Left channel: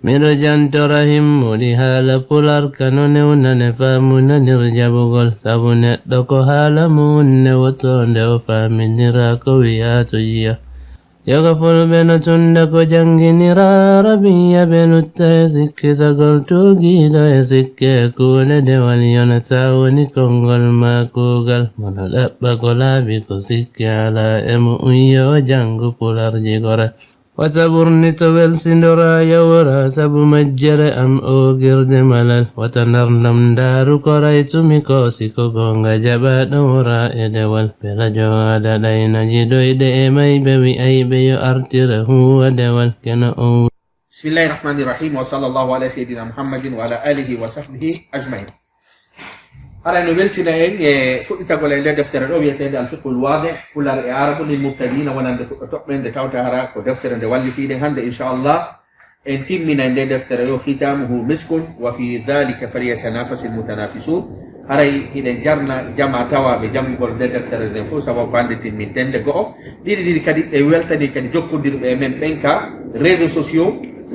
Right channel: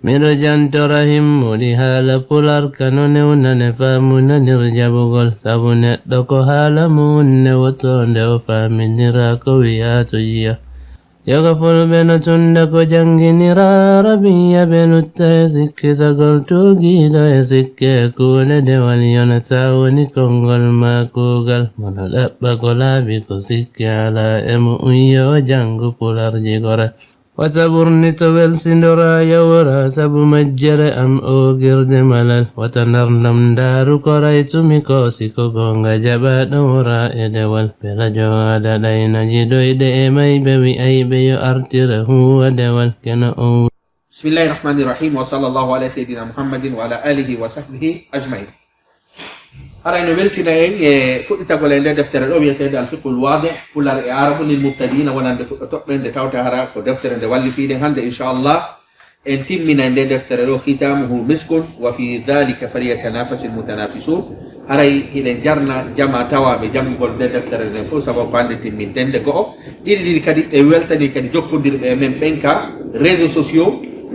Miro jantora himmudi haala pular kanone unane famuna nirjabugol sabune doko hala munne wotonde o faminira ko wiyato yiya yoga fulbeno tunda ko janginira rabiya benutta e sikkitagol tugiɗo e sikke kuule dewal yonata woni kongol ma kugal mono ɗaɓɓa ko laaɓi ko sikke ala emo unyo jangu pularji gore وتبرني تبل سندرا يورا سبو مجر أم أوغرد ملل وتنرنم دارو كريت ميكوسي كوكونغا جبا نورا إدوال بلا جواد دينا جدو إدئ مي بوي أي بيو أرتره ودوال كنا أو بسم الله الرحمن الرحيم وصلى الله على سيدنا محمد وعلى آله وصحبه أجمعين أرى أنه بلتنا فؤتا قول عند دفتر الأوبية تهدى الفقه الواضح كل الإعارب للمبتدين ونند تؤمن دتاوتا هرا كدفتر عند والي فيه هند إن شاء الله انتم من عند دفتر الأو ختامه مسك وفي ذلك فليتنافس المتنافسون أرى إذا جرنا جمع توا بجمع قول دفتر النفوس سبب باندت من تندقو دي كدي ويلتني كدي جوكو دير من بنكا ريزو سوسيو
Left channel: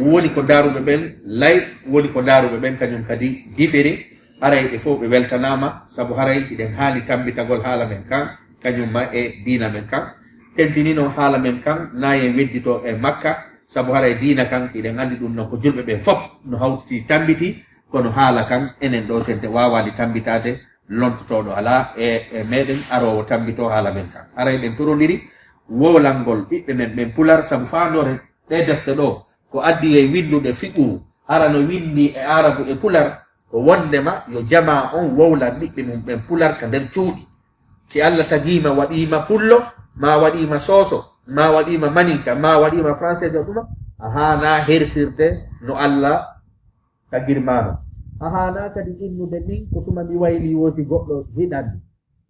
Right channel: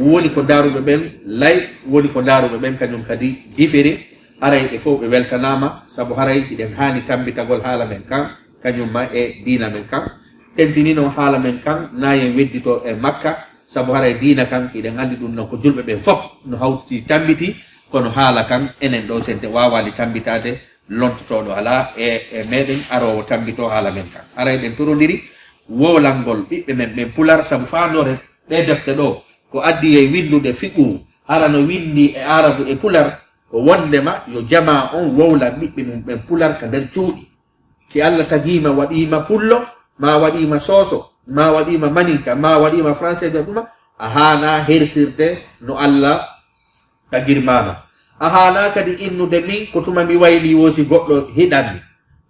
woni ko daruɓe ɓen live woni ko daruɓe ɓen kañum kadi différé haray ɓe fof ɓe weltanama saabu haray hiɗen hani tambitagol haala men kan kañumma e dina men kan tentinino haala men kan nayen weddito e makka saabu haray dina kan hiɗen andi ɗum noon ko julɓe ɓen fof no hawtiti tambiti kono haala kan enen ɗo sente wawali tambitade lontotoɗo ala e meɗen arowo tambito haala men kan haray ɗen torodiri wowlalngol ɓiɓɓe men ɓen pular saabu fandore ɗe defte ɗo ko addi e windude fiɓu hara no windi e arabu e pular ko wondema yo jama on wowla ɓiɓɓe mum ɓen pular ka nder cuuɗi si allah tagima waɗima pullo ma waɗima soso ma waɗima maninka ma waɗima français jo ɗuma a hana hersirde no allah tagirmama a hana kadi innude min ko tuma mi wayli wosi goɗɗo hiɗanmi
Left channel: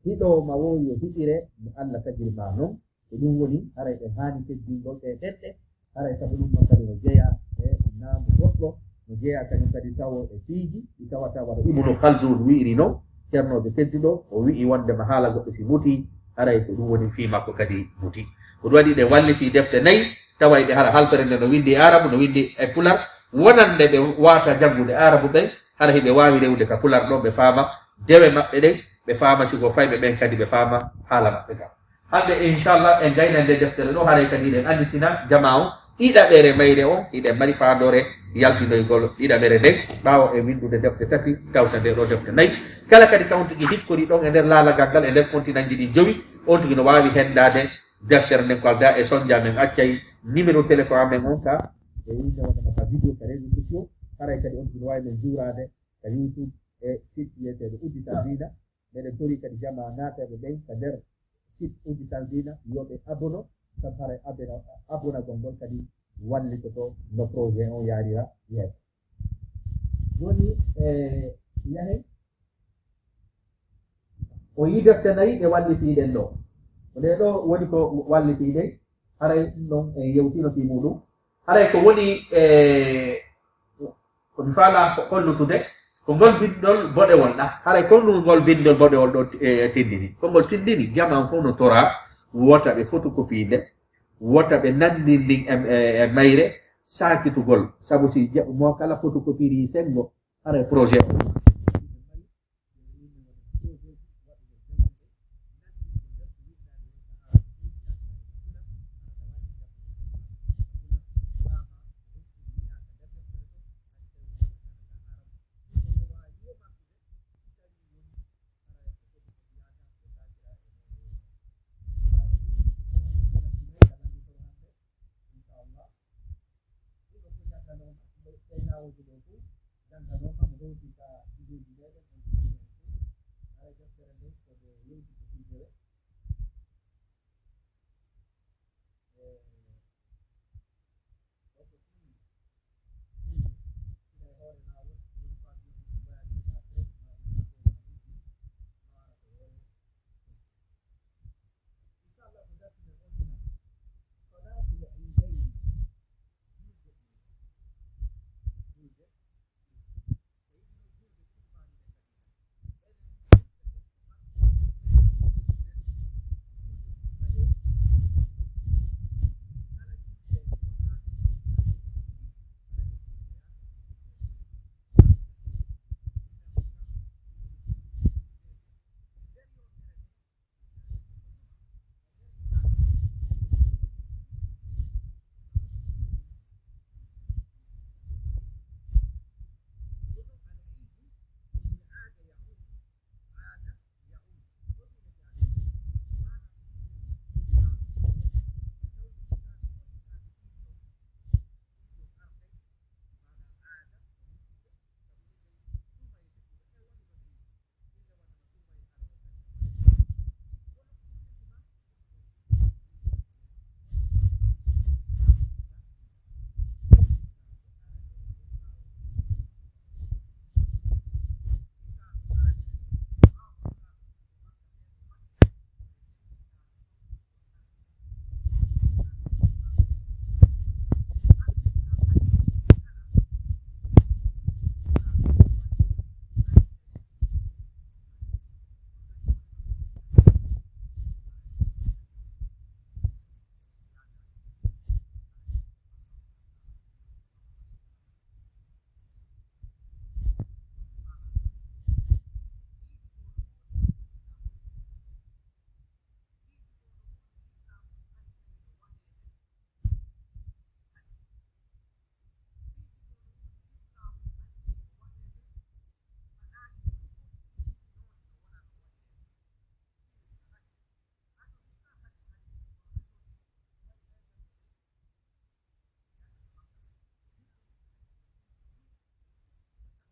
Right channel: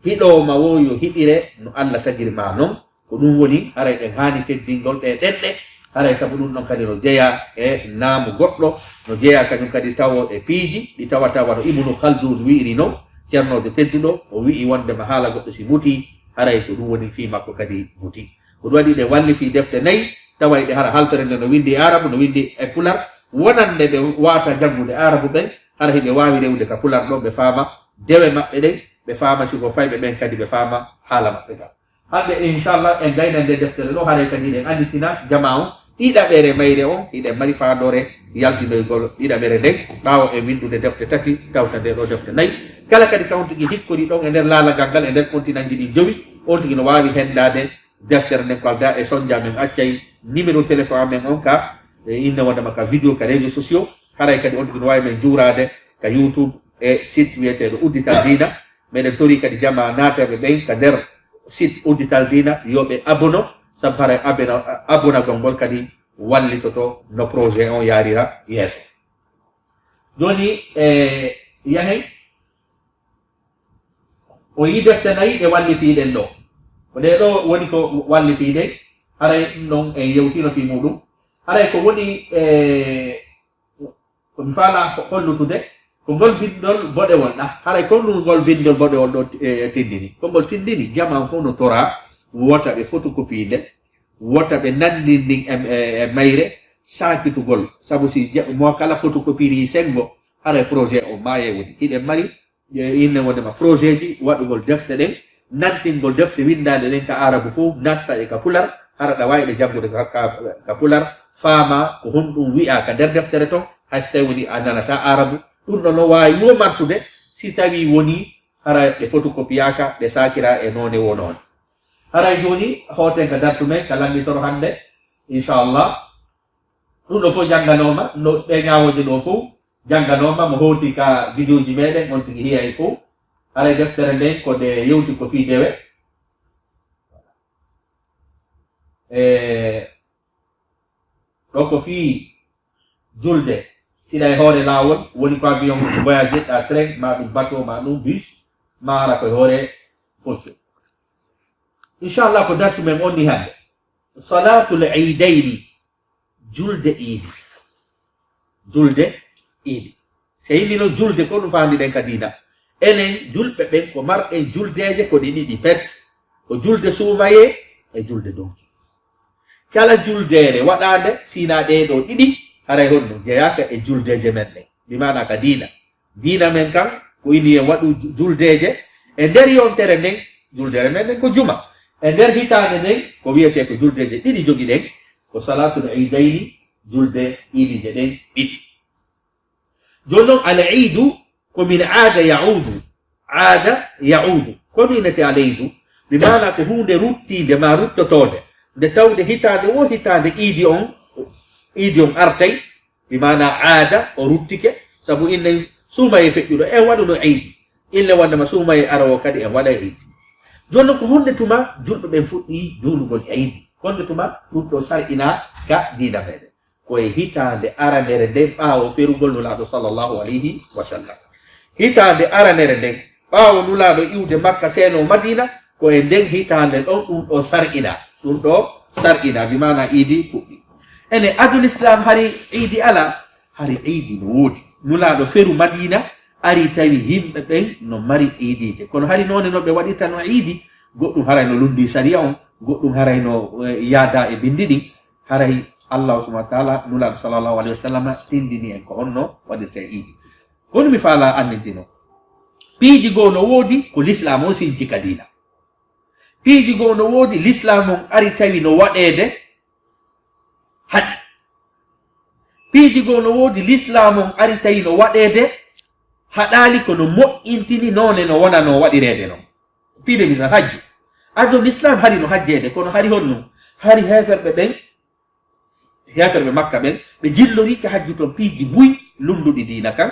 hiɗoma wo yo hiɗire no allah tagirma noon ko ɗum woni haray ɗen hani teddingol ɗe ɗenɗe haray sabu ɗum ɗon kadi no jeeya e naamu goɗɗo no jeeya kañum kadi tawo e piiji ɗi tawata wano ibnu khaldun wi'iri noon ceernojo tedduɗo o wi'i wondema haala goɗɗo si muti haray ko ɗum woni fi makko kadi muti ko ɗum waɗi ɗe walli fi defte nayyi taway ɗe hara halfere nde no windi e arabu no windi e pular wonande ɓe wata janngude arabu ɓen hara hiɓe wawi rewde ka pular ɗo ɓe faama dewe maɓɓe ɗen ɓe faama siko fayɓe ɓen kadi ɓe faama haala maɓɓe kam hande inchallah en gayna nde deftere ɗo haray kadi ɗen anditina jama on ɗiɗaɓere mayre on hiɗen mari fandore yaltinoygol ɗiɗaɓere nden ɓawo e windude defte tati tawta nde ɗo defte nayyi kala kadi kawtigi hikkori ɗon e nder laalagal ngal e nder continent ji ɗi jowi on tigi no wawi hendade deftere nden ko alda e sondia men accay numéro téléphone amen on ka inne wondema ka vidéo ka réseau sociaux haray kadi on tigi no wawi men juurade ka youtube e site wiyeteɗo uddital dina meɗen tori kadi jama nateɓe ɓen ka nder site uddital dina yoɓe abono sabu haray abonagol ngol kadi wallitoto no projet on yarira yeeso joni yahen o yi defte nayyi ɗe walli fiiɗen ɗo ko nde ɗo woni ko walli fiiɗen haray noon en yewtino fi muɗum haray ko woni komi faala hollutude ko ngol bindol boɗewol ɗa haray ko ɗum ngol bindol boɗewol ɗo tindini ko ngol tindini jaman fof no tora wota ɓe photocopie nde wota ɓe nandindin e mayre sakitugol sabu si mo kala photocopie sengo haray projet o maye woni hiɗen mari inne wondema projet ji waɗugol defte ɗen nantingol defte windade ɗen ka arabu fof natta e ka pular hara ɗa wawi ɗe janngude ka pular faama ko honɗum wi'a ka nder deftere ton hay so tawi woni a nanata arabu ɗum ɗo no wawi yo marsude si tawi woni hara ɗe photocopiyaka ɗe sakira e none wo noon haray joni hoten ka darsu men ka lammitoro hande inchallah ɗum ɗo fof jannganoma no ɓe ñawoje ɗo fof jannganoma mo howti ka vidéo ji meɗen on tigi hiya e fof haray deftere nden ko nde yewti ko fi dewe ɗo ko fi julde siɗa e hoore lawol woni ko avion voyage ɗa train ma ɗum bateau ma ɗum bus ma ara koye hoore posto inchallah ko darsu men onni hande salatul idayni julde iidi so yimɓi noon julde ko ɗum fandi ɗen ka dina enen julɓe ɓen ko marɗen juldeje ko ɗi ɗiɗi pet ko julde suumaye e julde donki kala juldere waɗande sina ɗeɗo ɗiɗi haray honno jeyaka e juldeje men ɗen bimana ka dina men kan ko ini en waɗu juldeje e nder yontere nden juldere men ɗen ko juma e nder hitande nden ko wiyete ko juldeje ɗiɗi jogi ɗen ko salatul idayni julde idije ɗen ɗiɗi joni noon al idu komin aada yaudu kominete al idu bimana ko hunde ruttide ma ruttotode nde tawde hitande wo hitande idi on artay bimana aada o ruttike sabu innen suumaye feƴƴuɗo en waɗuno idi ille wandema suumaye arawo kadi en waɗa idi joni ko hunde tuma julɓe ɓen fuɗɗi julugol idi honde tuma ɗum ɗo sarɗina ka dina meɗen koye hitande aranere nden ɓaawo ferugol nulaɗo sallllahu alayhi wa sallam hitande aranere nden ɓaawo nulaɗo iwde makka seno madina koye nden hitande ɗon ɗum ɗo sarɗina bimana idi fuɗɗi ene adul islam hari idi ala hari idi no woodi nulaɗo feru madina ari tawi yimɓe ɓen no mari idije kono hari none no ɓe waɗirta no idi goɗɗum haray no lundi sariya on goɗɗum haray no yaada e bindi ɗin haray allah subhanahu wa taala nulaɗo sallllahu alayhi wa sallam tindini en ko honno waɗirta e idi kono mi faala annintino piiji goo no woodi ko l'islam on sinti ka dina piiji goo no woodi l'islam on ari tawi no waɗede haɗi piiji goo no woodi l'islam on ari tawi no waɗede haɗali kono moƴƴintini none no wona no waɗirede non piide misal hajju ado l'islam hari no hajjede kono hari honno hari heferɓe makka ɓen ɓe jillorika hajju toon piiji buy lunduɗi dina kan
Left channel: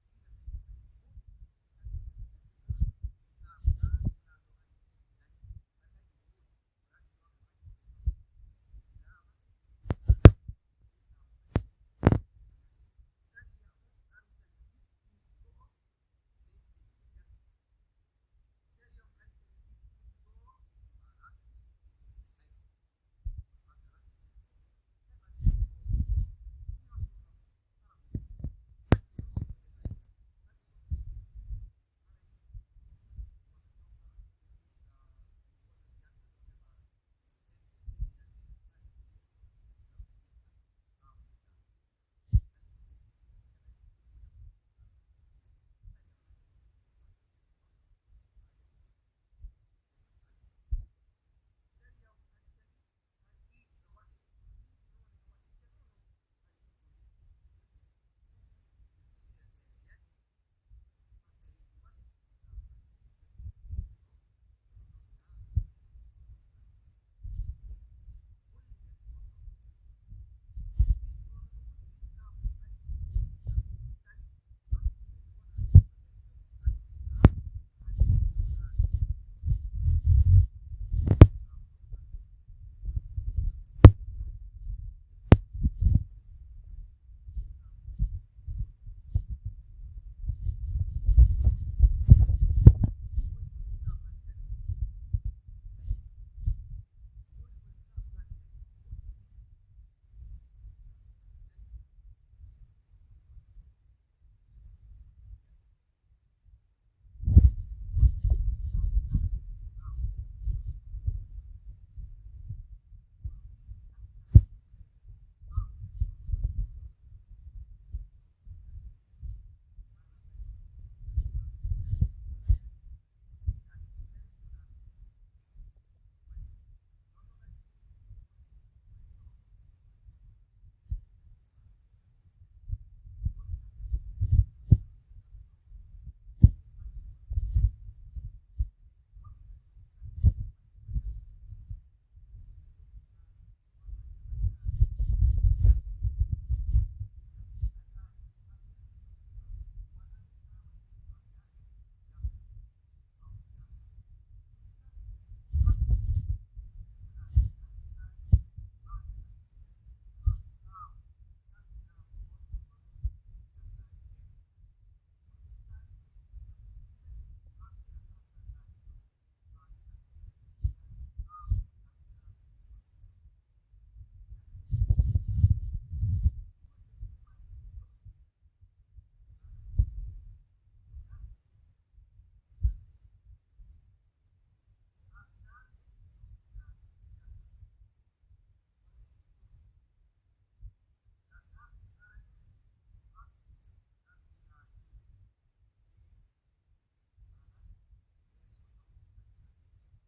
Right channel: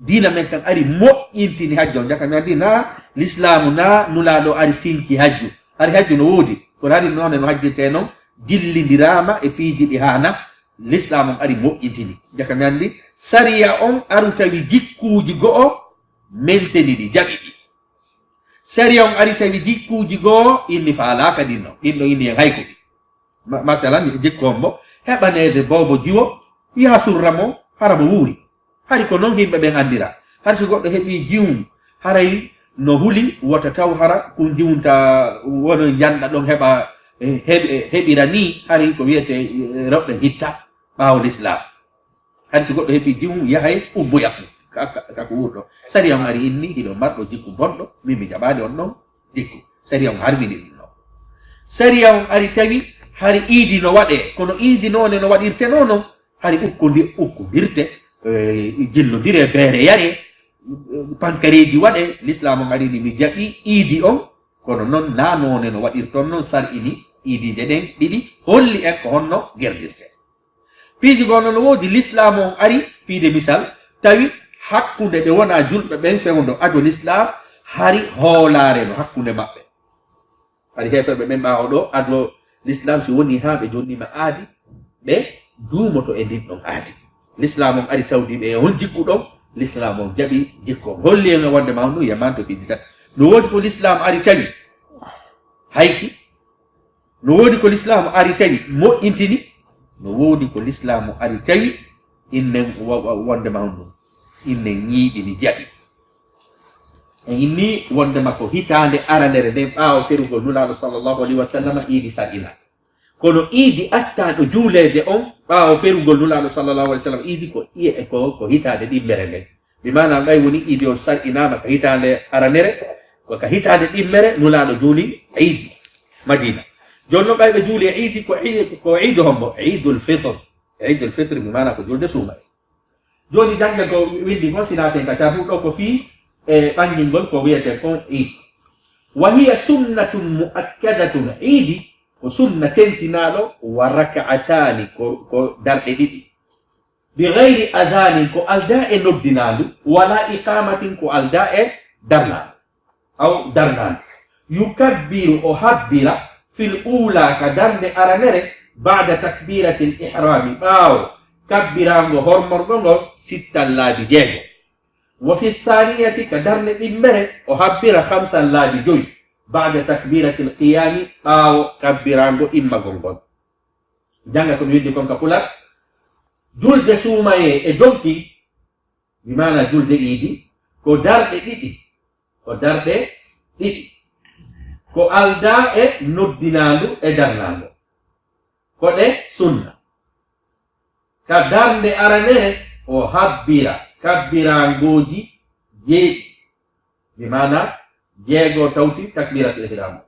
dina men kan ari moƴƴintini hajju on jaka mi andi na l'islamu na nulaɗo ari sinki hajju hari hajju no woodi kono hari none no hajjirte noon jillidirama e piiji ɗi hana l'islam on ari moƴƴintini jaka mi andi sariya on aru tawi jikkuuji go'o menteni ɗi jaɓi ɗi sariya on ari tawi jikkuuji go'o inni faalaka ɗinno inni en hayko ɗi masalan jikku on mo heɓanede bobo jiwo yaha surra mo hara mo wuuri hari ko noon yimɓe ɓen andira har so goɗɗo heɓi jiwum haray no huli wota taw hara ko jiwunta wono janɗa ɗon heɓa heɓira ni hari ko wiyete rewɓe hitta ɓaawo l'islam hari so goɗɗo heɓi jiwum yahay ubboyakmo kako wurɗo sariya on ari inni hiɗo marɗo jikku bonɗo min mi jaɓade on ɗon jikku sariya on harmini ɗum ɗon sariya on ari tawi hari iidi no waɗe kono iidi none no waɗirte noon hari ukkodirte jillodire beere yare pankareji waɗe l'islam on arini mi jaɓi iidi on kono noon na none no waɗirton noon sar'ini iidije ɗen ɗiɗi holli en ko honno gerdirte piiji gono no woodi l'islam on ari piide misal tawi hakkunde ɓe wona julɓe ɓen fewdo ajo l'islam hari hoolare no hakkunde maɓɓe hari heferɓe ɓen ɓawo ɗo ado l'islam so woni ha ɓe jonnima aadi ɓe duumoto e ndin ɗon aadi l'islam on ari tawdiɓe e on jikku ɗon l'islam on jaɓi jikko on holli en wonde ma no yamanto piiji tati no woodi ko l'islam ari tawi hayki no woodi ko l'islam ari tawi moƴƴintini no woodi ko l'islam ari tawi innen wonde ma ɗum innen ñiiɗini jaɓi e inni wondema ko hitande aranere nden ɓaawo ferugol nulaɗo sallllahu alayhi wa sallam iidi sar'ina kono iidi attaɗo juulede on ɓaawo ferugol nulaɗo sallllahu alayhi wa sallam iidi ko hitande ɗimmere nden mi mana ɓay woni iidi on sar'inama ka hitande aranere ka hitande ɗimmere nulaɗo juuli iidi madina joni noon ɓay ɓe juuli e iidi ko iidu hombo idul fitre mi mana ko julde suuma joni jange ko windi kon sinaten ka sabu ɗo ko fii e ɓangingol ko wiyete kon iidi wa hiya sunnatun muakkadatun iidi ko sunna tentinaɗo wa raka'atani ko darɗe ɗiɗi bi gayri adanin ko alda e noddinandu wala iqamatin ko alda e darnandu aw darnandu yukabbiru o habbira fil ula ka darnde aranere bada takbirati l ihrami ɓaawo kabbirango hormorgo ngol sittan laabi jeego wa fi thaniyati ka darnde ɗimmere o habbira 5 laabi joyi bada takbirati l qiyami ɓaawo kabbirango immagol ngol janga komi widdi kon ka pulat julde suumaye e donki bimana julde iidi ko darɗe ɗiɗi ko alda e noddinandu e darnandu ko ɗe sunna ka darnde aranere o habbira kabbirangoji jeeɗi bi mana jeego tawti takbiratul ihram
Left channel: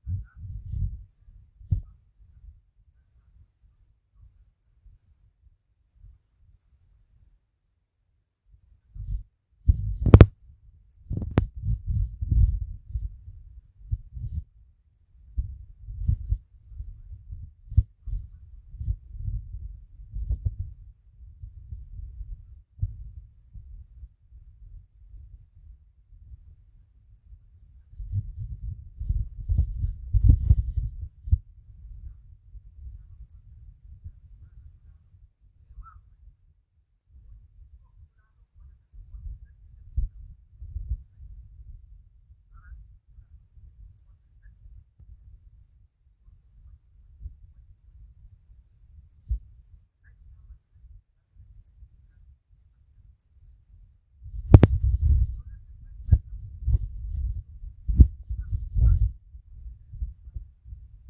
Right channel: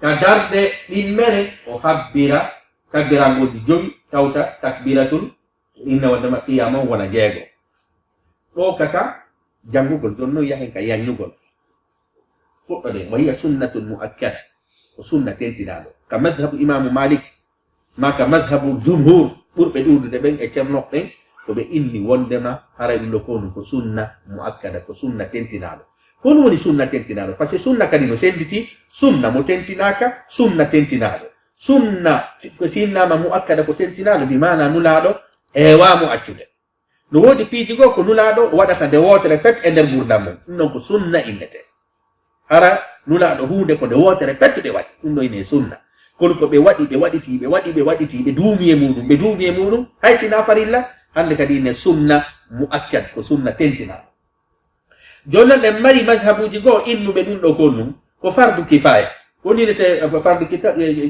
ka darde ɗimmere o habbira kabbirangoji jowi tawta takbiratul inna wadama qiyama wona jeego ɗo kaka jangugol jonno yahen ka yannugol fuɗɗode wa hiya sunnatun muakkada ko sunna tentinaɗo ka madhabu imamu malik ma ka madhabu jumhur ɓurɓe ɗuudude ɓen e ceernoɓe ɓen ko ɓe inni wondema haray ɗum ɗo konu ko sunna muakkada ko sunna tentinaɗo kono woni sunna tentinaɗo par ce que sunna kadi no senditi sunna mo tentinaka sunna tentinaɗo sunna ko sinnama muakkada ko tentinaɗo bi mana nulaɗo hewamo accude no woodi piiji goo ko nulaɗo waɗata nde wotere pet e nder gurdam mum ɗum noon ko sunna innete hara nulaɗo hunde ko nde wotere pettuɗe waɗi ɗum ɗo ine sunna kono ko ɓe waɗiti ɓe duumi e muɗum hay sina farilla hande kadi ine sunna muakkad ko sunna tentinaɗo jonnon ɗen mari madhabuji goo innuɓe ɗum ɗo kon ko fardu kifaya woninete fardu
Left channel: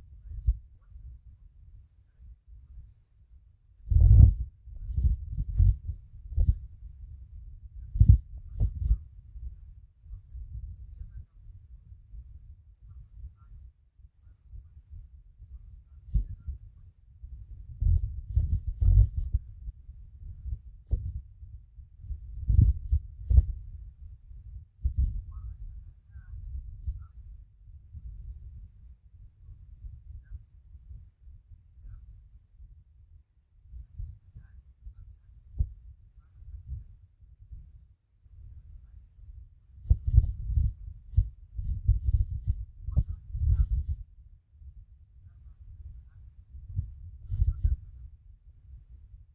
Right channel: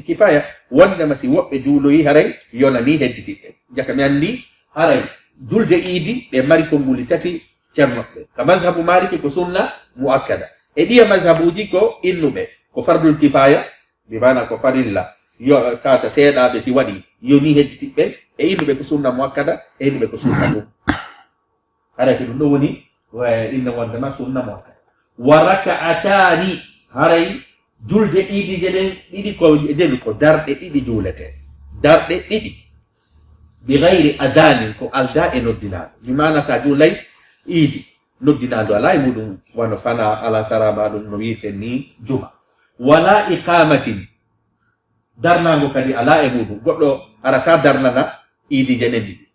kifaya wondema si woɓɓe juuloyi haray yonani hedditiɓɓe jaka mi andi haray julde iidi ɗe mari konnguli tati ceernoɓe ka madhabu maliki ko sunna muakkada e ɗiya madhabuji ko innuɓe ko fardul kifaya bi mana ko farilla yo tata seeɗaɓe si waɗi yoni hedditiɓɓe e innuɓe ko sunna muakkada e innuɓe ko sunna ɗum haray ko ɗum ɗo woni inna wondema sunna muakkada wa raka'atani haray julde iidi jeɗen ɗiɗi ko jeni ko darɗe ɗiɗi juulete darɗe ɗiɗi bi gayri adanin ko alda e noddinaɗo mi mana sa juulay iidi noddinaɗo ala e muɗum wano fana ala saraba ɗum no wirten ni juma wala iqamatin darnago kadi ala e muɗum goɗɗo arata darnana iidi jenen ɗiɗi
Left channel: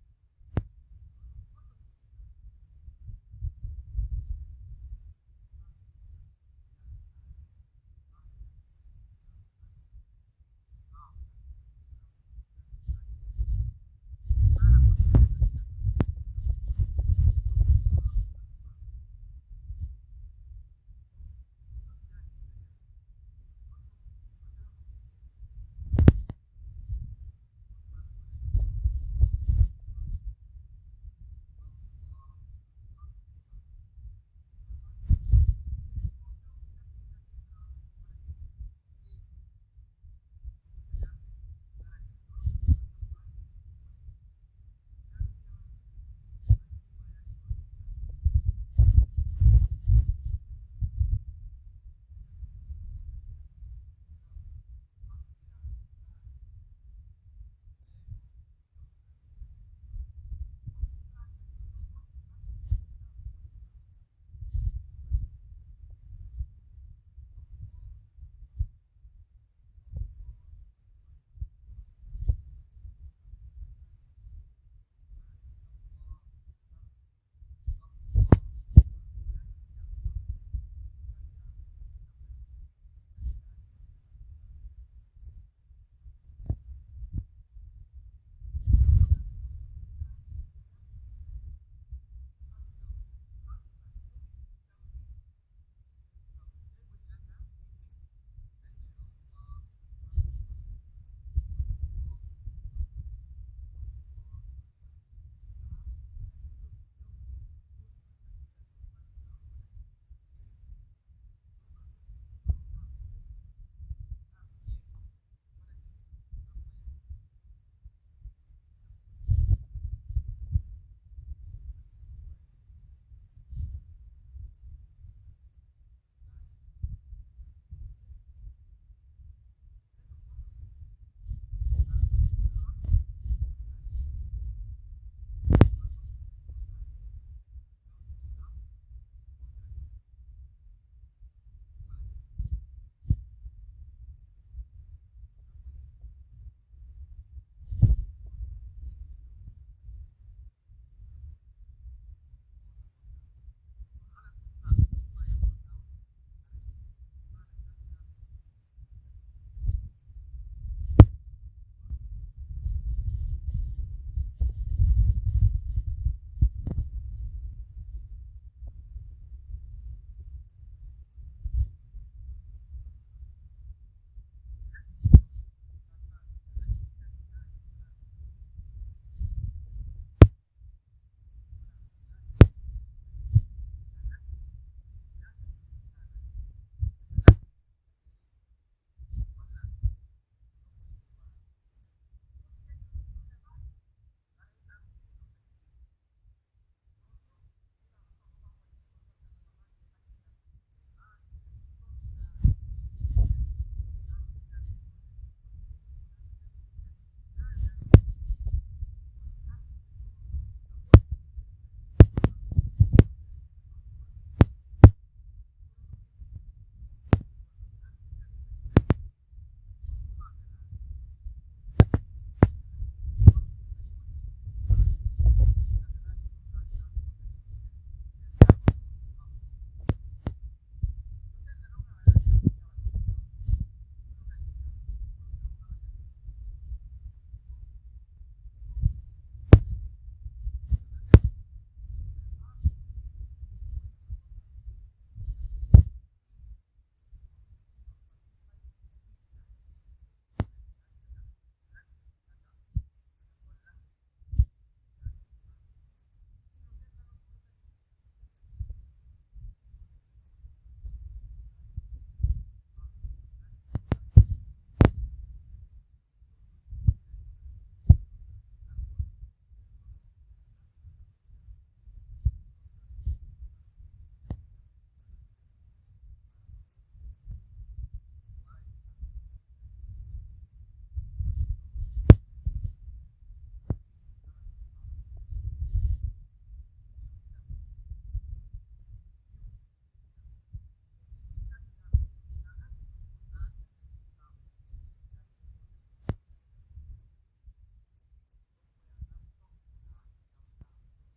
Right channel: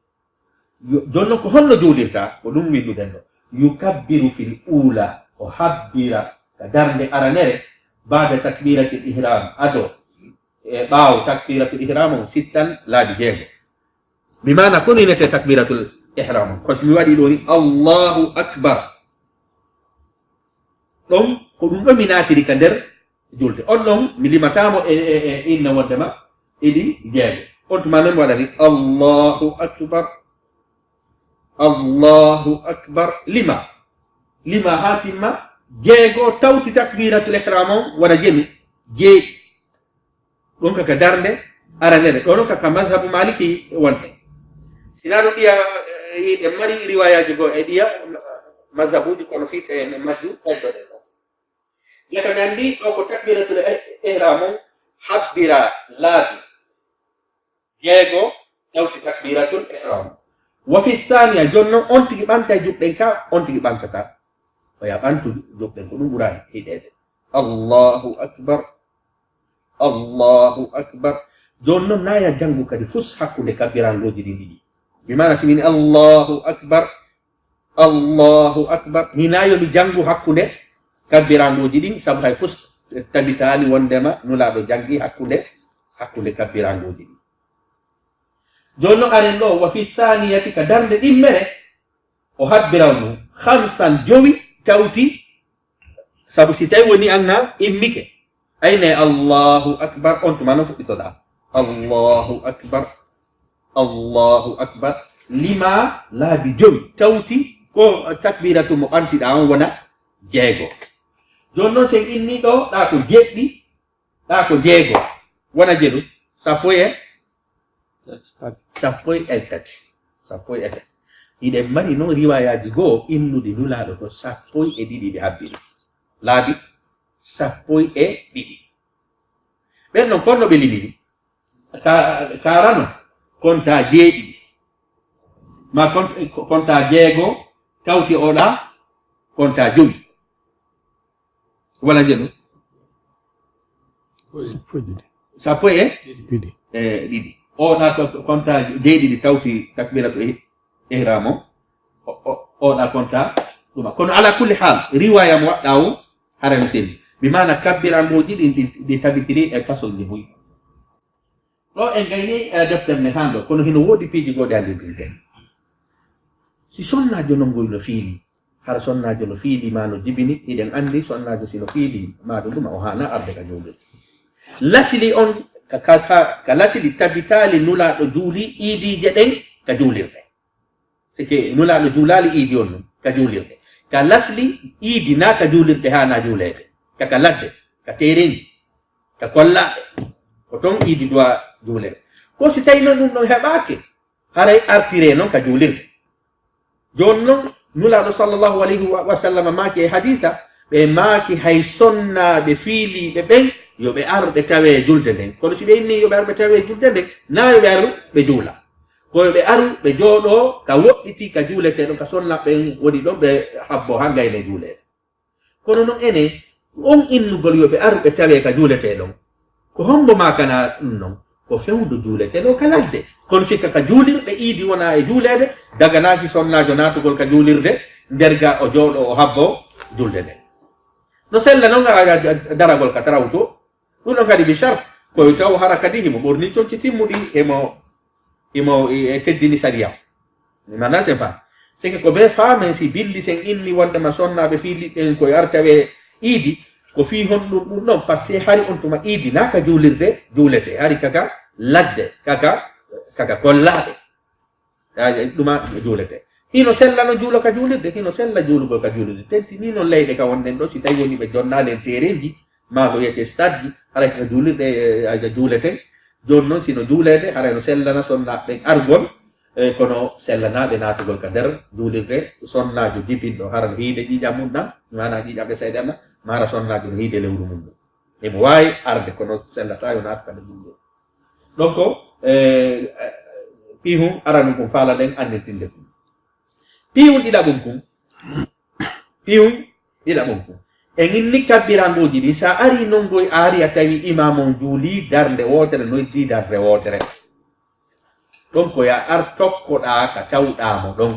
jonnon ko holno juulirta ko ɗum winduɗen ɗo yukabbiru fil ula o habbira ka darnde aranere bada takbiratul ihram ado e ɓaawo takbiratul ihram on sittan laabi jeego bi mana kono inete takbiratul ihram on koso mi waɗi ɗo ni allahu akbar ɗon ko ɗum ɗo mi naatiri ka nder julde on ɗon mi limatamo e inna wondema ɗiɗi jeego on tuma noon mi waɗani allahu akbar lima ha timma jeego tawti takbiratul ihram on wona jemi jeeɗi ɗon kaka darnde aranere ɗo ɗon kaka madhabu maliki wonɗe sina ɗum ɗiya ɗe mari riwayaji goo e ɗiya madhabuji kono fiite e majju ɓeddoɗen ɗo jaka mi andi ɗo ko takbiratul ihram on habbira laabi jeego tawti takbiratul ihram wa fi thania jonnon on tigi ɓanta juɓɗen ka on tigi ɓantata oya ɓantu juɓɗen ko ɗum ɓura hiɗede allahu akbar jonnon naya janngu kadi fus hakkunde kabbirangoji ɗi ɗiɗi mi mana simini allahu akbar hinayo mi janngu hakkunde kabbirangoji ɗin sabu hay fus tabitali wondema nulaɗo janggi hakkunde kabbirangoji ɗi jonno aren ɗo wa fi thaniyati ka darde ɗimmere o habbiran ɗum hamsan jowi tawti sabu si tawi woni anna immike ayne allahu akbar on tuma noon fuɗɗitoɗa allahu akbar lima laabi jowi tawti ko takbiratu mo ɓantiɗa on wona jeego joni noon sen inni ɗo ɗa ko jeɗɗi ɗa ko jeego wona jeɗu sappo e tati iɗen mari noon riwayaji goo innude nulaɗo ko 12 ɓe habbiri laabi 12 ɓen noon konno ɓe limini karano konta jeeɗiɗi ma konta jeego tawti oɗa konta jowi wala jeɗu 12 ɗiɗi oɗa konta jeeɗiɗi tawti takbiratu ihram oɗa konta ɗuma kono ala kulli hal riwaya mo waɗɗa o harano selli bi mana kabbirangoji ɗi tabitiri e façon ji muyi ɗo en gayni deftere nde hando kono hino woodi piiji goɗe andirdirte si sonnajo non ngoy no fiili hara sonnajo no fiili ma no jibini iɗen andi sonnajo sino fiili ma ɗum ɗuma o hana arde ka jowɗel lasili on ka lasili tabitali nulaɗo juuli iidije ɗen ka julirde sike nula no julali idi on ka julirde ka lasli idi na ka julirde ha na julede ka ladde ka terenji ka kollaɓe ko ton idi doa julede ko si tawi noon ɗum ɗon heɓake haray artire noon ka julirde joni noon nulaɗo sallllahu alayhi wa sallam maaki e haditha ɓe maaki hay sonnaɓe fiiliɓe ɓen yoɓe arɓe tawe julde nden kono si ɓe inni yoɓe arɓe tawe julde nden na yoɓe aru ɓe juula ko yoɓe aru ɓe jooɗo ka woɗɗiti ka juuleteɗon ka sonnaɓen woni ɗon ɓe habbo ha gayne juulede kono noon ene on innugol yoɓe aru ɓe tawe ka juuleteɗon ko hombo makana ɗum noon ko fewdu juuleteɗo ka ladde kono sikka ka juulirɗe iidi wona e juulede daganaki sonnajo natugol ka juulirde nderga o jooɗo o habbo julde nden no sella noon daragol ka tarawto ɗum ɗon kadi bichar koye taw hara kadi himo ɓorni conci timmuɗi imo e teddini sariya mana c'est pas c'est que ko ɓe faamen si bindi sen inni wondema sonnaɓe fiiliɓɓen koye artawe iidi ko fi hon ɗum ɗon par ce que hari on tuma iidi na ka juulirde juulete hari kaka ladde kaka kollaɓe ɗuma juulete hino sella no juulo ka juulirde hino sella juulugol ka juulirde tenti ni non leyɗe ka wonnen ɗo si tawi woni ɓe jonnali e tereji ma ko wiyete stade ji haray ka juulirɗe a juulete joni noon sino juulede haray no sellana sonnaɓe argol kono sellanaɓe natugol ka nder juulirde sonnajo jibinɗo hara no hiide ƴiƴam mum ɗam mana ƴiƴam ɓe seeɗanna mara sonnajo no hiide lewru mum ɗum emo wawi arde kono sellata yo naata kada juulirde donc pihum aranu kum faala ɗen andintinde kum pihum ɗiɗaɓum kum en inni kabbirangoji ɗi sa ari nongoy ari a tawi imamon juuli darde wotere noyti darde wotere ɗon ko ya ar tokkoɗa ka tawɗamo ɗon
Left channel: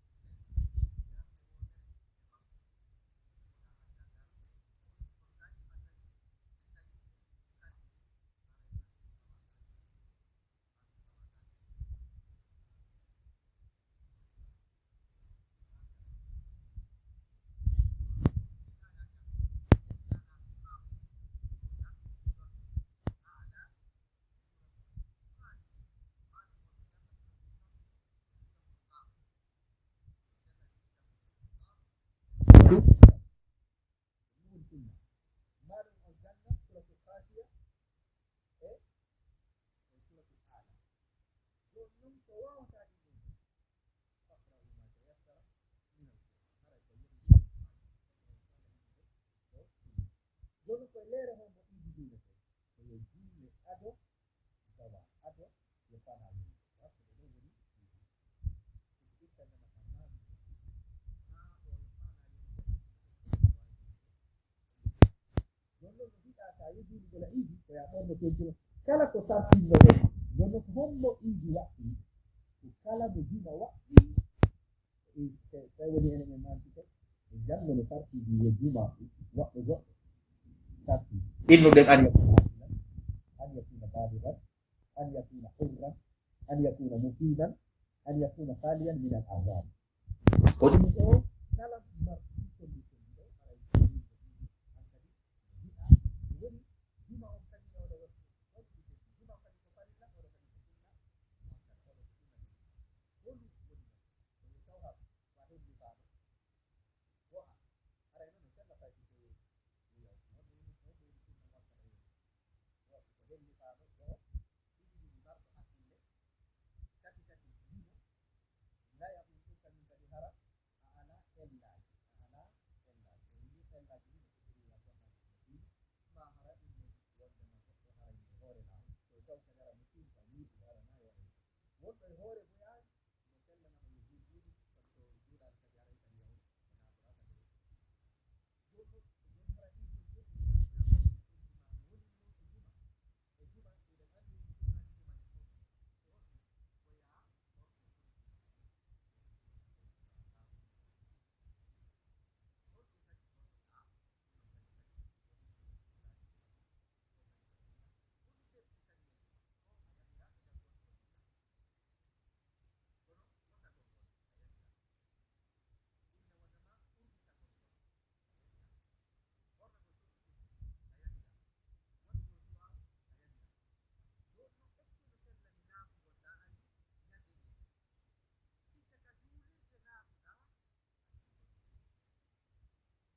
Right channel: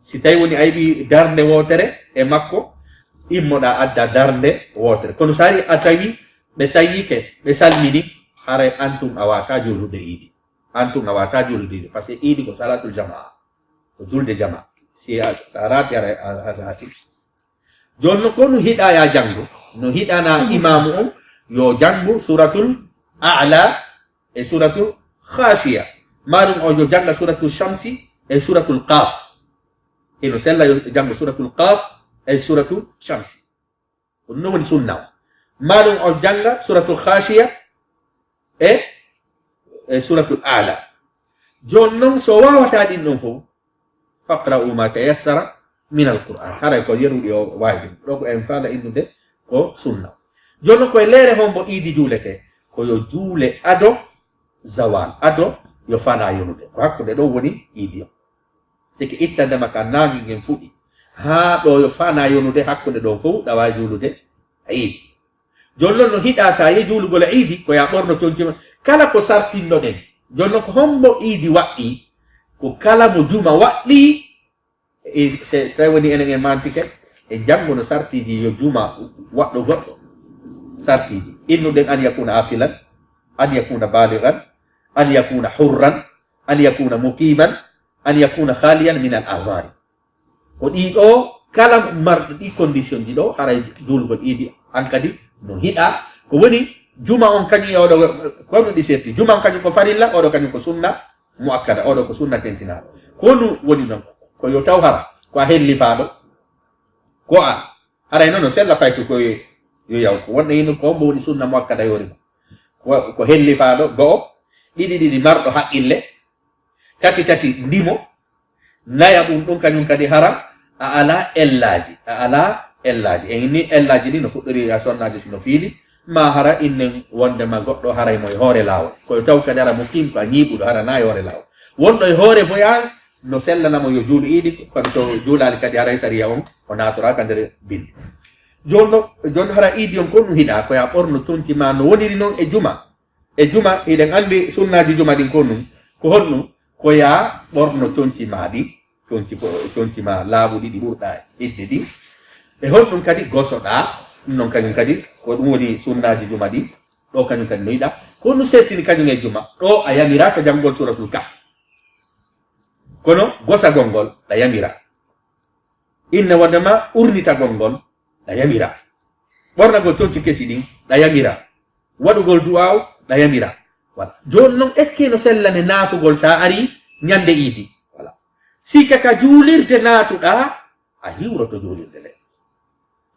si tawi woni a yiɓi darde wotere e makko immoɗa adda darde wotere kono sa ari a tawi ɓe tawike ɓe salmini haray antum a wata julude iidi antum a wata julude iidi par ce que iidi ko salatul jamaa ko julde jama si a rati a rati joni ko no hiɗa ya janngo no hiɗana imamu on yo janngo suratul a'la e suratul khashiya maɗum o yo janga suratul shamsi e suratul qaf eno sella yo janngo suratul qaf e suratul shamsi ɗum no woni sunna o maɗum o janga suratul khashiya e suratul a'la joni noon so wawata ɗin ɗon fof faqra'u ma tayassara min alquran haray ko yeruɗi o wawi ɗum ɗo ko en faala innude ko sunna joni noon koye leere hombo iidi juulete koyo juule ado zawal ado yo fana yonude ko hakkude ɗo woni iidi o siki ittandema ka nangi ngen fuɗi ha ɗo yo fana yonude hakkude ɗon fof ɗa wawi juulude iidi joni noon no hiɗa sa ye juulugol iidi ko ya ɓorno concima kala ko sartinno ɗen joni noon ko hombo iidi waɗɗi ko kala mo juma waɗɗi se tawi woni enen e mantike e janngo no sartiji yo juma waɗɗo goɗɗo sartiji innuɗen an yakuna aqilan an yakuna baligan an yakuna hurran an yakuna muqiman an yakuna khaliyan min al azari ko ɗiɗo kala marɗo ɗi condition ji ɗo haray julgol iidi an kadi no hiɗa ko woni juma on kañum e oɗo kono ɗi serti juma on kañum ko farilla oɗo kañum ko sunna muakkada oɗo ko sunna tentinaɗo kono woni noon ko yo taw hara ko a hellifaɗo ko a haray noon no sella payko koye yo yaw ko wonɗo hino ko hombo woni sunna muakkada yorima ko hellifaɗo go'o ɗiɗi marɗo haqqille tati ndimo naya ɗum ɗum kañum kadi hara a ala ellaji en ni ellaji ɗi no fuɗɗori a sonnaji sino fiili ma hara innen wondema goɗɗo haray mo e hoore lawol koye taw kadi hara mo kim ko a ñiiɓuɗo hara na e hoore lawol wonɗo e hoore voyage no sellanamo yo juulu iidi kono so juulali kadi haray sariya on o natoraka nder bindi joni hara iidi on ko ɗum hiɗa koya ɓorno conci ma no woniri noon e juma iɗen andi sunnaji juma ɗin ko ɗum ko honɗum koya ɓorno conci ma ɗi conci ma laaɓuɗi ɗi ɓurɗa idde ɗi e honɗum kadi gosoɗa ɗum noon kañum kadi ko ɗum woni sunnaji juma ɗi ɗo kañum kadi no yiɗa ko ɗum settini kañum e juma ɗo a yamiraka janngol suratul kahf kono gosagol ngol ɗa yamira inne wondema urnitagol ngol ɗa yamira ɓornagol conci kesi ɗin ɗa yamira waɗugol du'aw ɗa yamira wala joni noon est ce que no sellane naafugol sa ari ñande idi wala sika ka julirde natuɗa a hiwroto julirde nde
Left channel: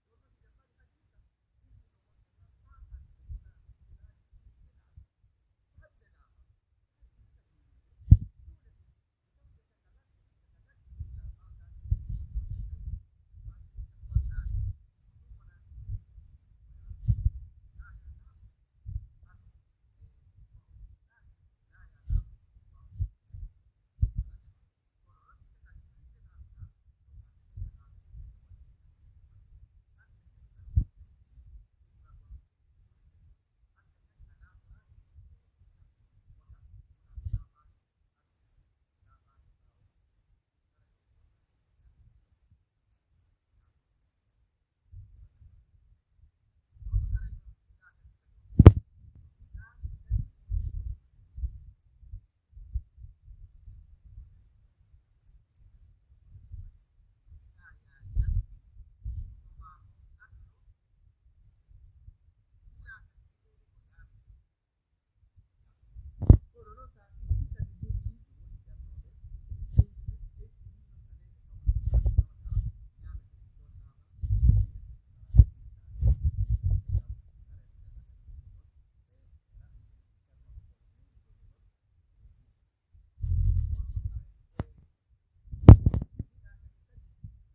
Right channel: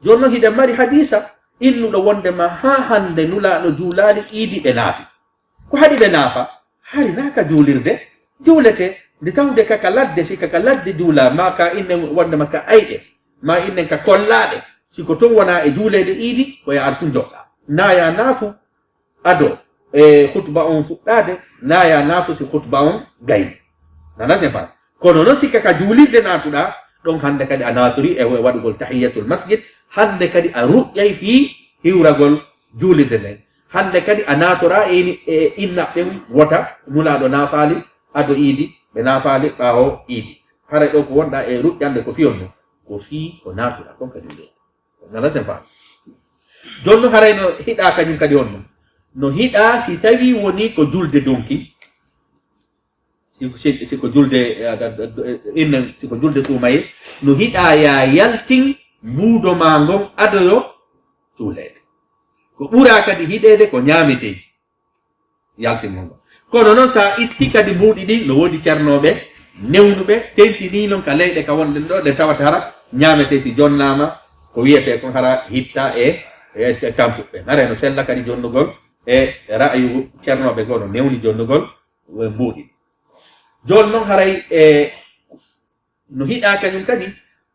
jonno hiɗe mari hadisa innuɗo wondema ha hande nulaɗo juulali idi ɓe naafi ko haɗi ɓe naafa hari naka julirde juulete nde tawde kaka ladde sika ka ladde juula ma ka innen wondema ka ayɗe ma innen ka kollaɗe siko ton wona e juulede idi koya artu joɗɗa naya naafu ado e khutba on fuɗɗade naya naafu si khutba on gayni nana sen fa kono noon sikka ka juulirde natuɗa ɗon hande kadi a naturi e waɗugol tahiyatul masjid hande kadi a ruƴƴay fi hiwragol juulirde nden hande kadi a natora e inna ɓen wota nulaɗo nafaali ado idi ɓe nafaali ɓawo idi hara ɗo ko wonɗa e ruƴƴande ko fiyon no ko fi ko natuɗa kon kadi nde nana sen fa jonno haray no hiɗa kañum kadi on no hiɗa si tawi woni ko julde donki siko julde innen siko julde suumaye no hiɗa ya yaltin mbuudo ma ngon adoyo juulede ko ɓura kadi hiɗede ko ñameteji yaltin gon kono noon sa itti kadi mbuuɗi ɗin no woodi ceernoɓe newnuɓe tentini noon ka leyɗe ka wonɗen ɗo ɗe tawata hara ñamete si jonnama ko wiyete kon hara hitta e tampuɓe hare no sella kadi jonnugol e ra'ayu ceernoɓe goo no newni jonnugol mbuuɗi joni noon haray no hiɗa kañum kadi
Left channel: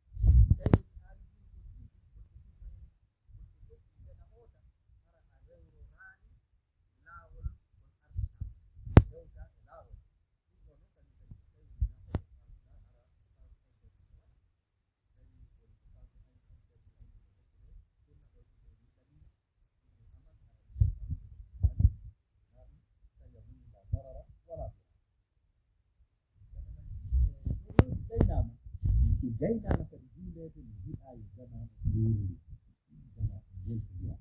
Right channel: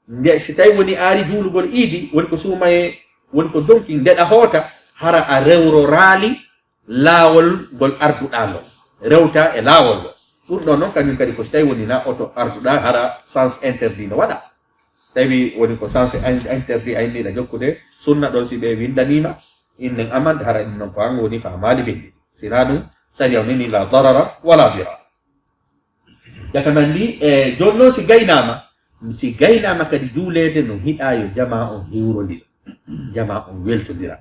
nde si tawi woni aari juulugol iidi woni ko suumaye woni ko donki ndeɗa hoota hara a rewro raali laawol ngol arduɗa ngol rewta e laawol ngol ɗum ɗon noon kañum kadi ko so tawi woni na oto arduɗa hara sens interdit no waɗa so tawi woni ko sens interdit a inniɗa jokkude sunna ɗon si ɓe windanima innen amande hara ɗum noon ko an woni famali ɓenɗi sina ɗum sariya nini la darara wala dira jaka nandi e joni noon si gaynama kadi juulede no hiɗa yo jama on hiwrodira jama on weltodira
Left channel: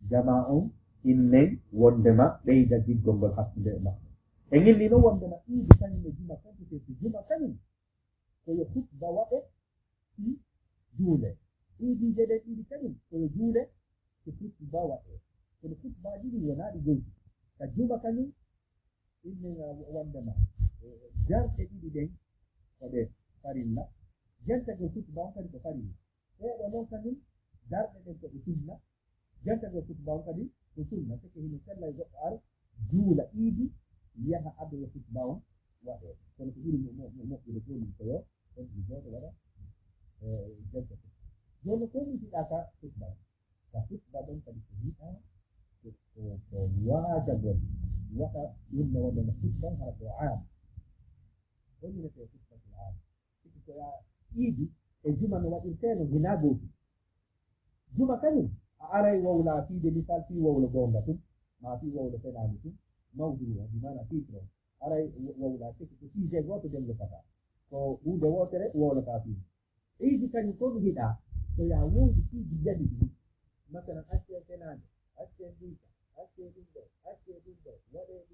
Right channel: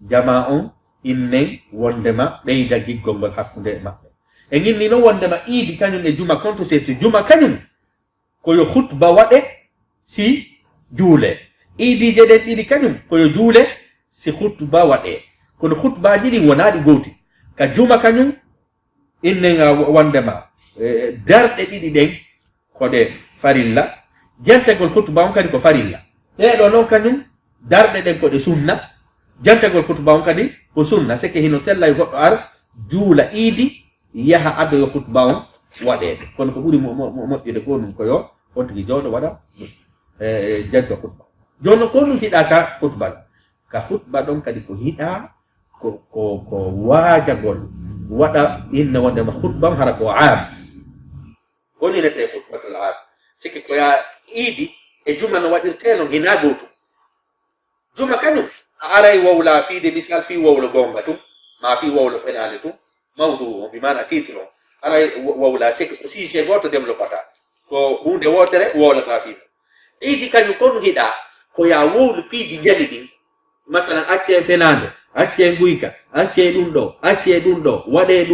jama on innen wondema ɓeyda giggol ngol hakkude e maɓɓe e ginni noon wondema iidi kañum e juma konto setti juma kañum koyo hutba waɗe si juule iidije ɗen ɗiɗi kañum koyo juule si hutba waɗe kono hutbaji ɗin wonaɗi gowti ka juma kañum innen wondema darɗe ɗiɗi ɗen koɗe farilla jantagol hutba on kadi ko farilla ɗeɗo noon kañum darɗe ɗen koɗe sunna jantagol hutba on kadi ko sunna seke hino sella e goɗɗo ar juula iidi yaha adoyo hutba on waɗede kono ko ɓuri moƴƴude ko ɗum koyo on tigi jawɗo waɗa janto hutba jonno ko ɗum hiɗa ka hutba ɗon kadi ko hiɗa ko waajagol waɗa inne wondema hutba on hara ko am on inete hutbatul am sikki koya iidi e juma no waɗirteno hina gotum juma kañum a aray wowla fiide misal fi wowlo gonga tum ma fi wowlo fenade tum mawdu o bimana titre o aray wowla sikki ko sujet goto développata ko hunde wotere wowlata fino iidi kañum ko ɗum hiɗa koya wowlu piiji jali ɗin masalan acce fenade acce guyka acce ɗum ɗo acce ɗum ɗo waɗe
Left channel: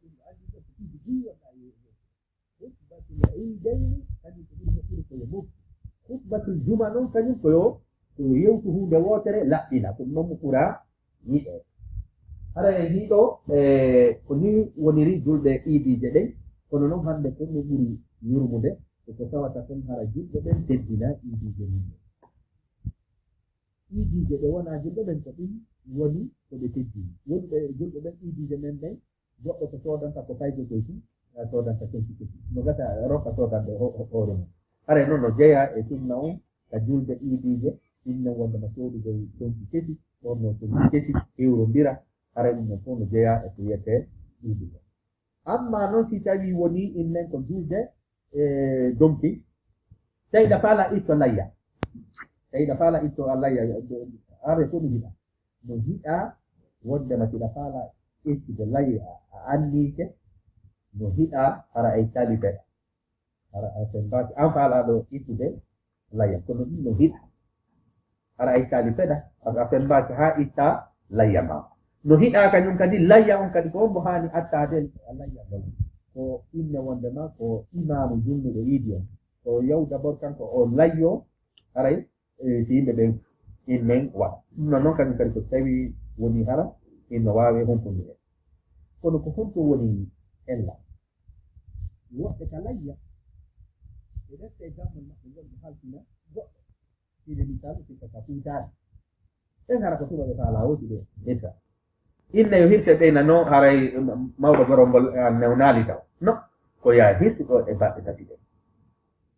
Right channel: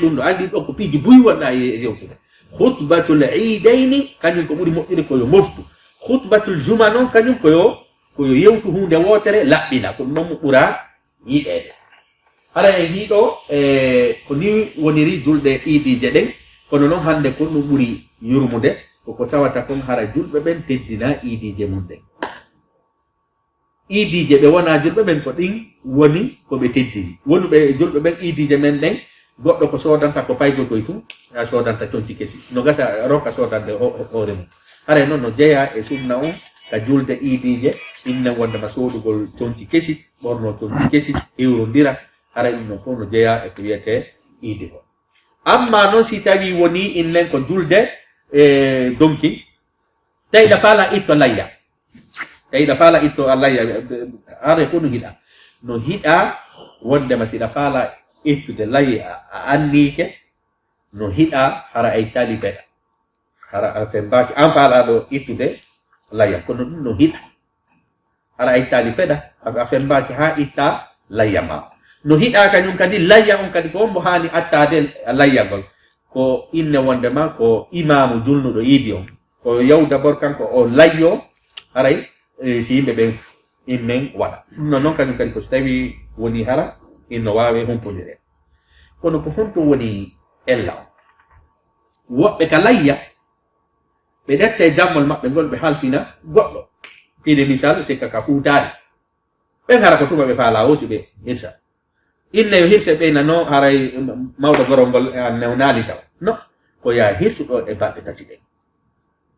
ɗum ɗo andi ɗo ko piiji buy wonɗa e yewtude khutbatul iidayni kañum ko ɓuri moƴƴude koyo moftu khutbatul juma noon kañum koyo yewtu hunde wotere laɓɓina ko ɗum noon mo ɓura yiɗede hara en hiɗo ko ni woniri julɗe iidije ɗen kono noon hande ko ɗum ɓuri yurmude koko tawata kon hara julɓe ɓen teddina iidije mum ɗen iidije ɓe wona julɓe ɓen ko ɗin woni koɓe teddini wonuɓe julɓe ɓen iidije men ɗen goɗɗo ko sodanta ko faygo koye tum a sodanta conci kesi no gasa ronka sodande hoore mum hara noon no jeeya e sunna on ka julde iidije innen wondema sodugol conci kesi ɓorno conci kesi hewrodira hara ɗum no fof no jeeya e ko wiyete iidi ko amma noon si tawi woni innen ko julde donki tawiɗa faala itto layya tawiɗa faala itto a layya are ko no hiɗa no hiɗa wondema siɗa faala ittude layya a annike no hiɗa hara ay tali beɗa hara a fembaki an faalaɗo ittude layya kono ɗum no hiɗa hara ay tali peɗa a fembaki ha itta layya ma no hiɗa kañum kadi layya on kadi ko on mo hani attade layyagol ko inne wondema ko imamu julnuɗo iidi on ko yaw d'abord kanko o layyo haray si yimɓe ɓen innen waɗa ɗum non noon kañum kadi ko so tawi woni hara inno wawe humpodire kono ko honto woni ella on woɓɓe ka layya ɓe ɗetta dammol maɓɓe ngol ɓe halfina goɗɗo ide misal sikka ka fuutaari ɓen hara ko tuma ɓe faala wosi ɓe hirsa inne yo hirse ɓe nano haray mawɗo gorol ngol newnaali taw no ko yaa hirsuɗo e balɗe tati ɗen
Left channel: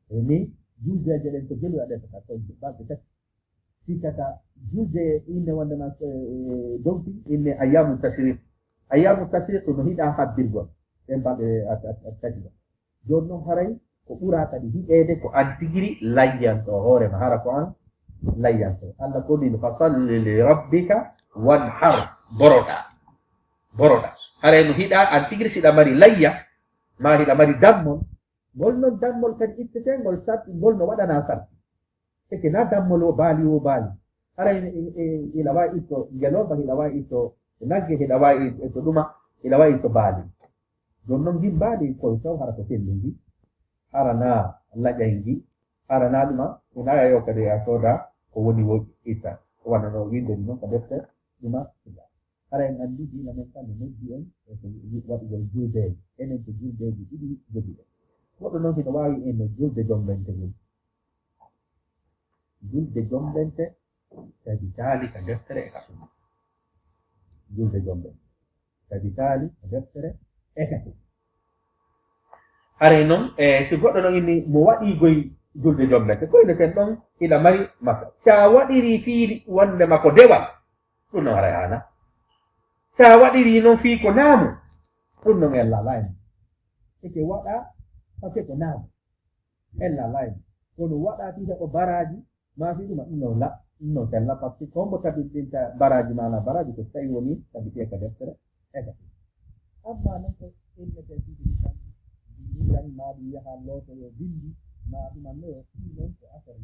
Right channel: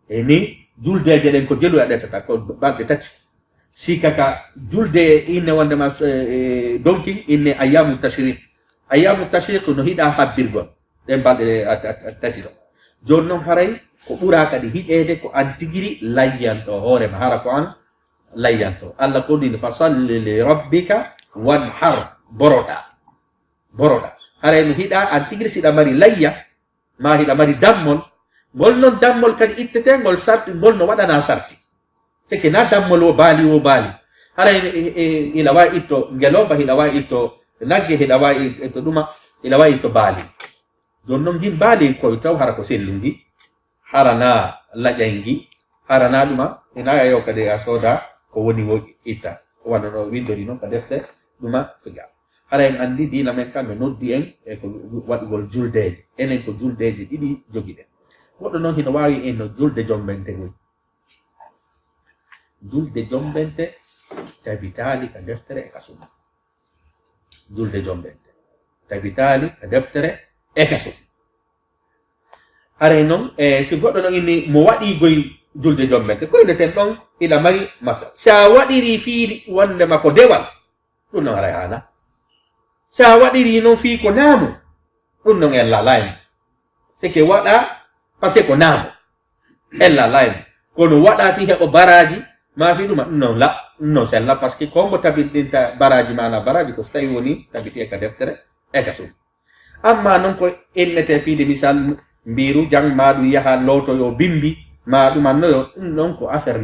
e ni juldeje ɗen ko jelu a ɗettata ko balɗe tati sika ka julde inne wondema donki inne ayyamu tashriq no hiɗa habbirgol ɗen balɗe tati ɗo joni noon haray ko ɓura kadi hiɗede ko an tigiri layyanto hoorema hara ko an layyanto allah ko nini fa salli li rabbika wanhar boroɗa haray no hiɗa an tigiri siɗa mari layya ma hiɗa mari dammol ngol noon dammol kadi ittete ngol sarti ngol no waɗana sarti seke na dammol o baali haray ila wawi itto ngeloba hiɗa wawi itto nagge hiɗa wawi itto ɗuma ila wawi itto baali joni noon gin baali koye taw hara ko sellugi harana laƴangi harana ɗuma ina yo kadi a sooda ko woni wo itta ko wannono windori noon ka defte ɗuma figa hara en andi diina men kam no noddi en e ko waɗugol juldeje enen ko juldeje ɗiɗi jogiɗen goɗɗo noon hino wawi en no julde jombente goy julde jombente tabitali ka deftere e ka sunna julde jombente tabitali ka deftere e ka sunna haray noon si goɗɗo noon inni mo waɗi goy julde jombente ko inneten ɗon ila mari masal sa waɗiri fii wondema ko dewal ɗum noon haray hana sa waɗiri noon fii ko naamu ɗum noon en lalaymo sike waɗa par ce que ko naamu en lalaymo kono waɗa fi heɓo baraji ma fi ɗuma ɗum noon ɗum noon sella par ce que kombo tabitinta baraji mana baraji ko so tawi woni tabiti e ka deftere e ka sum amma noon ko innete fiide misal mbiru jang maɗum yaha lootoyo bimbi ma ɗumannoyo ɗum noon ko affaire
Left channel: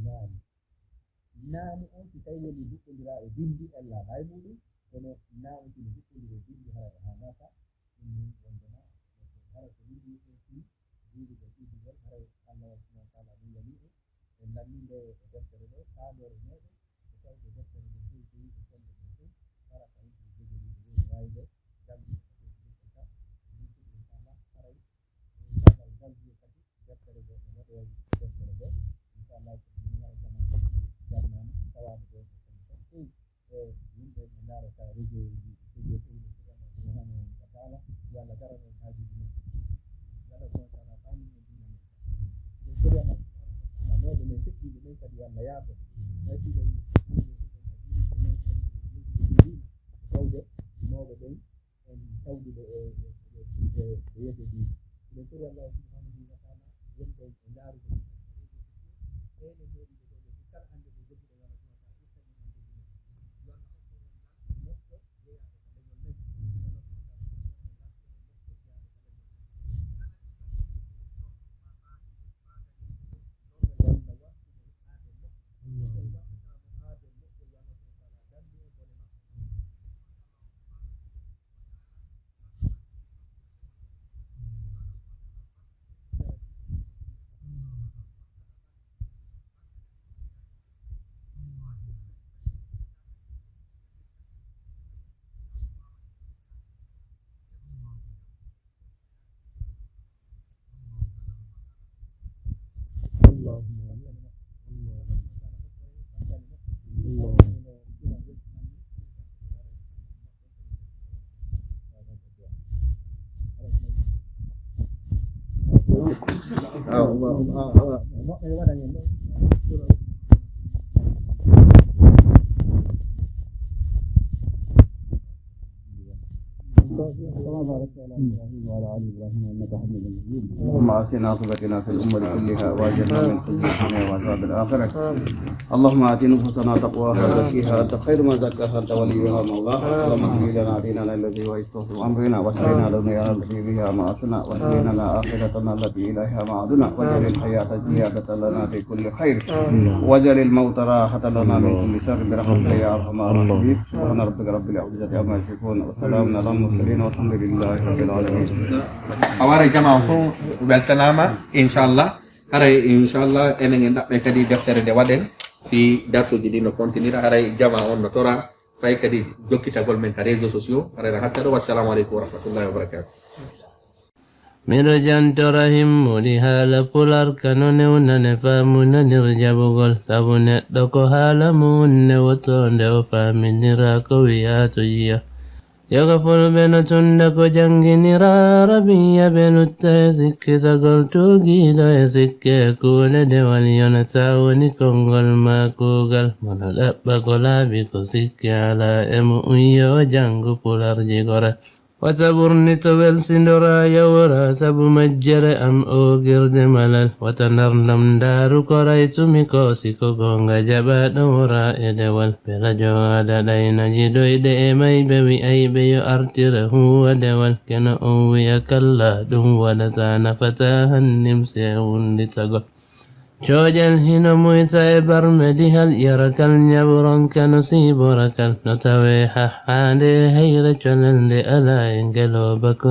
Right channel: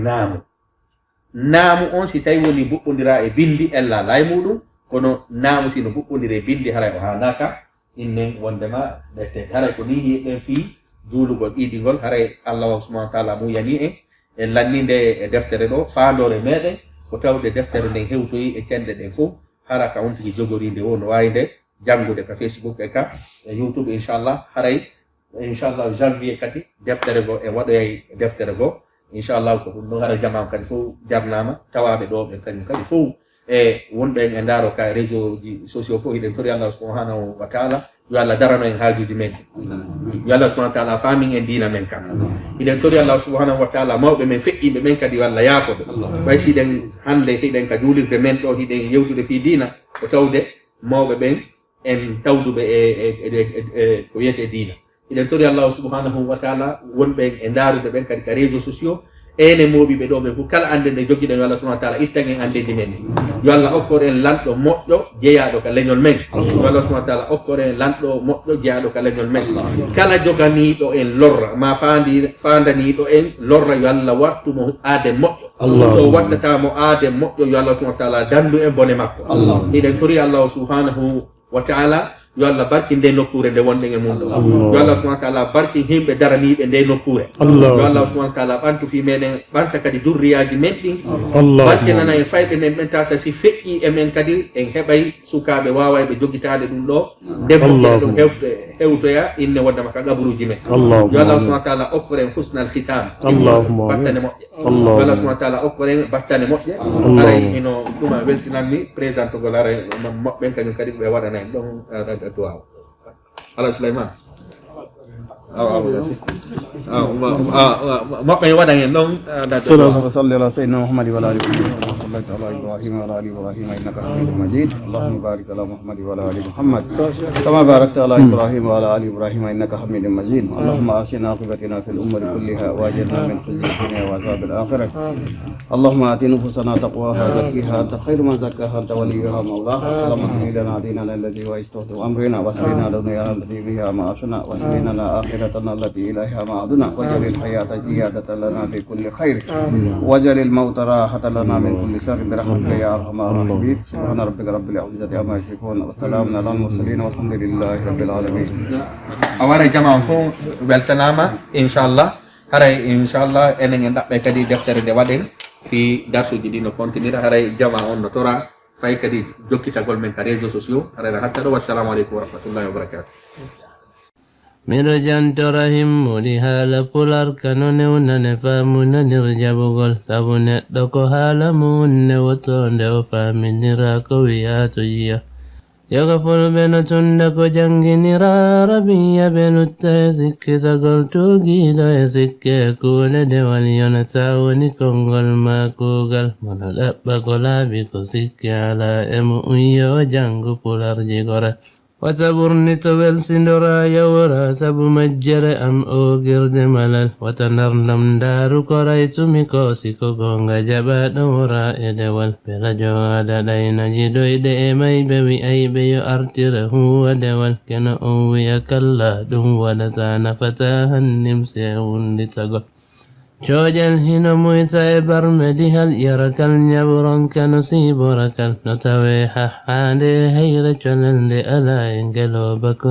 naamu on si tawi woni buɓɓodira e bindi en lalay muɗum kono naamu sino buɓɓodira e bindi haray o hanaka innen wondema ɗette haray ko ni yiɗen fii juulugol ɗiɗigol haray allah subhanahu wa taala muyani en lanninde e deftere ɗo faandore meɗen ko tawde deftere nden hewtoyi e cenɗe ɗen fof hara ka on tigi jogorinde o no wawi nde janngude ka facebook e ka e youtube inchallah haray inchallah janvier kadi deftere go e waɗoyay deftere go inchallah ko ɗum ɗon hara jamam kadi fof jarnama tawaɓe ɗo ɓe kañum kadi fof e wonɓe e ndaaro ka réseau ji sociaux fof hiɗen tori allah subhanahu wa taala yo allah darano en haajuji men yo allah subhanahu wa taala famin en diina men kam hiɗen tori allah subhanahu wa taala mawɓe men feƴƴiɓe men kadi yo allah yaafoɓe ɓay siɗen hande hiɗen ka juulirde men ɗo hiɗen yewtude fi diina ko tawde mawɓe ɓen en tawduɓe e ko wiyete diina hiɗen tori allah subhanahu wa taala wonɓe e ndaarude ɓen kadi ka réseau sociaux ene moɓiɓe ɗo ɓen fof kala ande nde jogiɗen yo allah subhanahu wa taala ittan en andeji men yo allah okkor en lanɗo moƴƴo jeeyaɗo ka leñol men yo allah subhanahu wa taala okkor en lanɗo moƴƴo jeeyaɗo ka leñol men kala joganiɗo en lorra ma fandaniɗo en lorra yo allah wartumo aade moƴƴo so waddatamo aade moƴƴo yo allah subhanahu wa taala dandu en bone makko hiɗen tori allah subhanahu wa taala yo allah barki nde nokkure nde wonɗen e mum ɗo yo allah subhanahu wa taala barki himɓe daraniɓe nde nokkure yo allah subhanahu wa taala ɓantu fi meɗen ɓanta kadi durriyaji men ɗin barkinana en fayɓe men ɓen tata si feƴƴi e men kadi en heɓay sukaɓe wawayɓe jogitade ɗum ɗo ndemmoƴƴere ɗum hewtoya inne wondema ka gaburuji men yo allah subhanahu wa taala okkoren husnal khitam battane moƴƴe yo allah subhanahu wa taala okkoren battane moƴƴe aray ino ɗuma weltinanmi présidente gol aray moɓɓen kañum kadi ɓe waɗana en ɗon du'a ala Sulaiman moɓɓe waɗan en ɗon salli ala sayyidina Muhammad wa ala alihi إبراهيم وعلى آل إبراهيم إنك حميد مجيد اللهم بارك على محمد وعلى آل محمد كما باركت على إبراهيم وعلى آل إبراهيم إنك حميد مجيد اللهم آتنا عاقبتنا في الأمة كلها وأجرنا من خزي الدنيا وعذاب الآخرة اللهم آت نفوسنا تقواها وزكيها أنت خير من زكاها أنت وليها مولاها اللهم اهد لنا ديننا الذي هو عصمة أمرنا واهدنا دنيانا التي بها معاشنا واهد لنا آخرتنا التي إليها معادنا واجعل الحياة زيادة لنا في كل خير واجعل الموت راحة لنا من كل شر برحمتك يا أرحم الراحمين سبحان ربك رب العزة عما يصفون وسلام على المرسلين والحمد لله رب العالمين. awara jama fo weltanama inchallah haray inchallah enen en ɗaɓɓe kadi deftere nde waɗen fi darsuji ɗi no continue haray jama on no tora fay kadi jokkitagol men ka réseau sociaux haray hatta ɗo wassalamu aleykum wa rahmatullahi wa barakatuh. Miro jantorahim muli hala pular kanone unane famuna nirjabugol sabune doko hala munne wotonde o faminira ko wiyato yiya yagafol bena tunda ko janginira rabiya benutta sikkita gol tugido e sikke kule de waliyona tawoni kongol makugal mono dabba ko laabi ko sikke ala emu unyo jangu pular jigore وتبرني تبل سندرا يورا سب مجر أم أوغر دملل وتنرنم دارو كريت ميكوسي كوغونغا جبا نورا إدوال بلا جواد دينا جدو إدئ مي بوي أي بيو أرتره ودوال كنا أوي أكلا دم ودتان فتاها النمسيون لتقل Chojal hina muita e barmedi hal yarakal nyaburon kanu siborakal notawe hahade hayra cholande ala ingelo bakon